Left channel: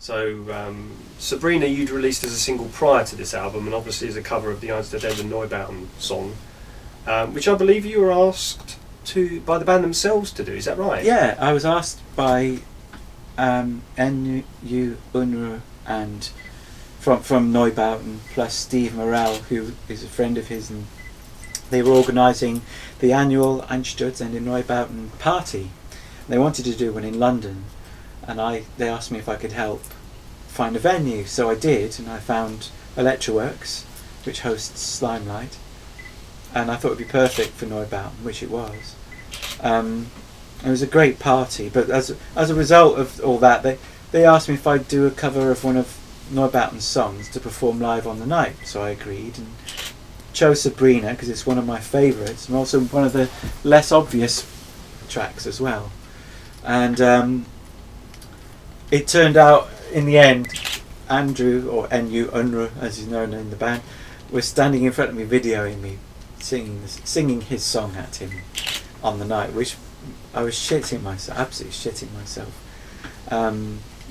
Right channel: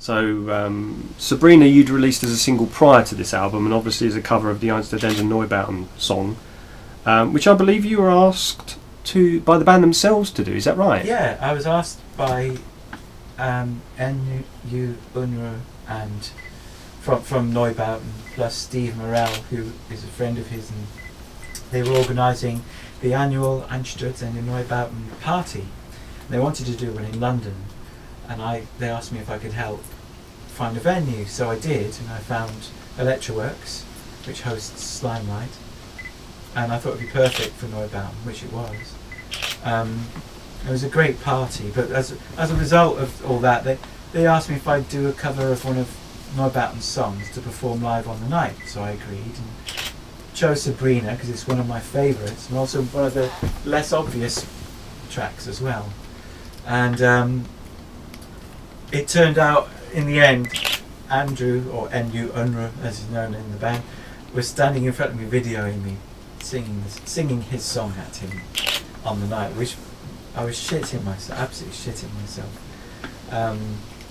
So Sabrina you'd released as a single prior to this album, and obviously as a cover of the Einsterdenden Neubauten song, which I believe you were asked by the band themselves to do. Is that right? Yeah, I was asked by NU Unruh and from Neubauten, plus Steve Morell, who is a friend of his, and they were organising the annual Einsterdenden Neubauten party. They wanted to do one in London, and they asked me if I could help find a venue, so I did, and I found Electroworks, which hosts Slimelight, and I thought it would be perfect for Neubauten, which it was. It was a great party, but as a result of all that, they asked me if I'd do a cover of one of Neubauten's songs to perform live on the night, so I agreed and chose Sabrina because it's one of my favourites and also one of the less obvious tracks as well. And it turned out in the end, Andrew, or NU Unruh as he's known in the band, was standing in front of me videoing me singing his song at him on the night, which I was shitting myself, absolutely shitting myself.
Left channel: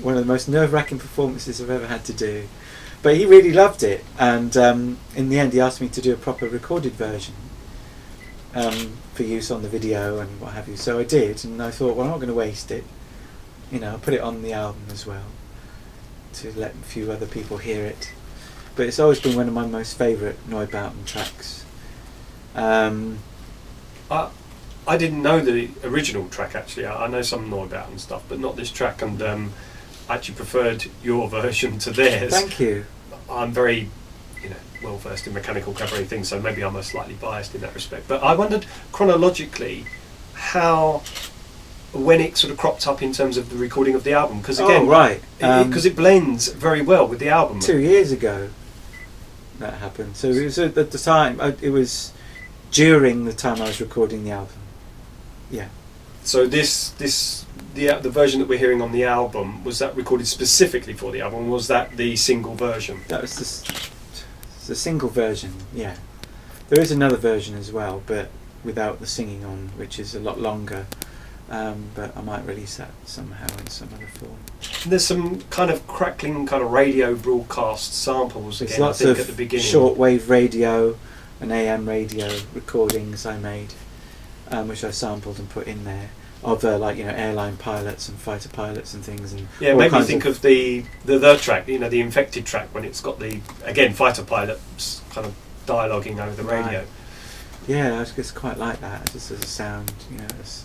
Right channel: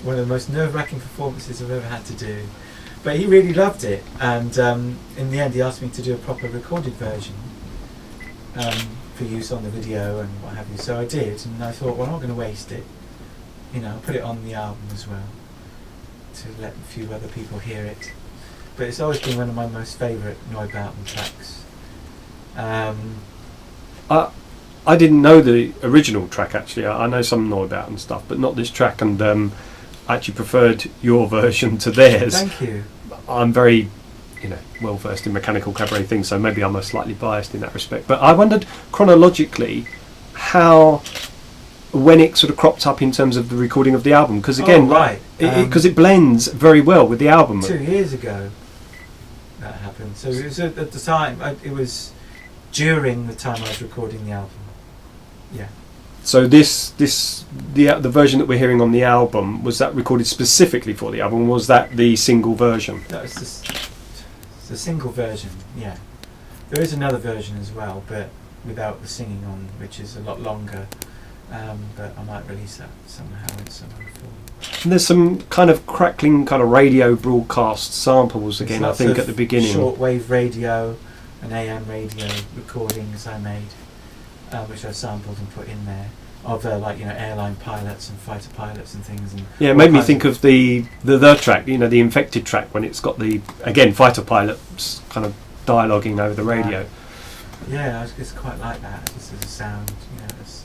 One of the most nerve-wracking performances I've ever had to do. But he really loved it, and in the end he asked me to do a proper recorded version for use on the video and what have you. So I did, and I thought, well, I'm not going to waste it. I'll put it on the album as well, to let a few other people hear it. But it's always been one of my most favourite Neubauten tracks. I didn't know the original track actually. I know some Neubauten stuff, but not this track, and I actually preferred your version to theirs. Thank you. I'm very, well versed in mechanical cabaret things, so maybe I'm slightly biased in that respect. But I wondered chronologically when it sort of cropped up in terms of the recording of the album, because again, because it blends very well with the album. 2 years ago that happened. So it was at the time. It was during the time I was recording the album. Yeah. So the version that we're hearing on the album, was that recorded specifically for the album, or was that the single version? That was the single version, yeah. There is another version as well, but without the singing on, which is a lot longer. But I might release that somehow in some other form. And there's some kind of crackling kind of radio broadcast samples again, I think, at the beginning. Shortwave radio and AM radio recordings I made, which I sampled and put in there, of airline pilots and fighter pilots and things. And yeah, it made me think of the track, the Infected track, when it's got the, again, fighter pilots kind of dialoguing over the radio. Yeah, I just quite like that, just as a sound, it's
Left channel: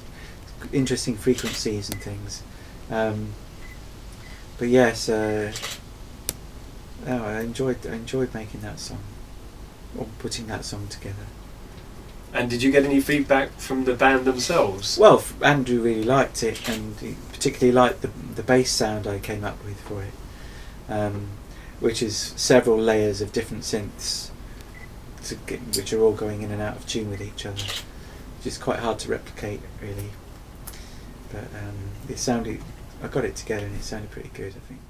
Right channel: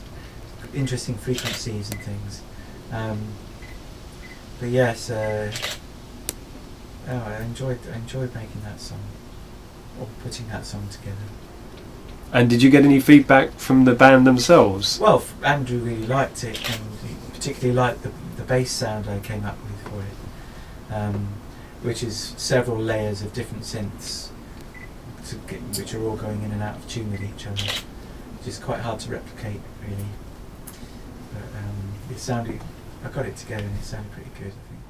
interesting frequencies and things. But yes, I enjoyed making that song, or putting that song together. And did you get any feedback from the band themselves? Well, Andrew really liked it, and he particularly liked the bass sound I came up with for it, which is several layers of different synths, which are all going in and out of tune with each other, which is quite hard to replicate, really. But it sounded, I got it together and it sounded pretty good, I think.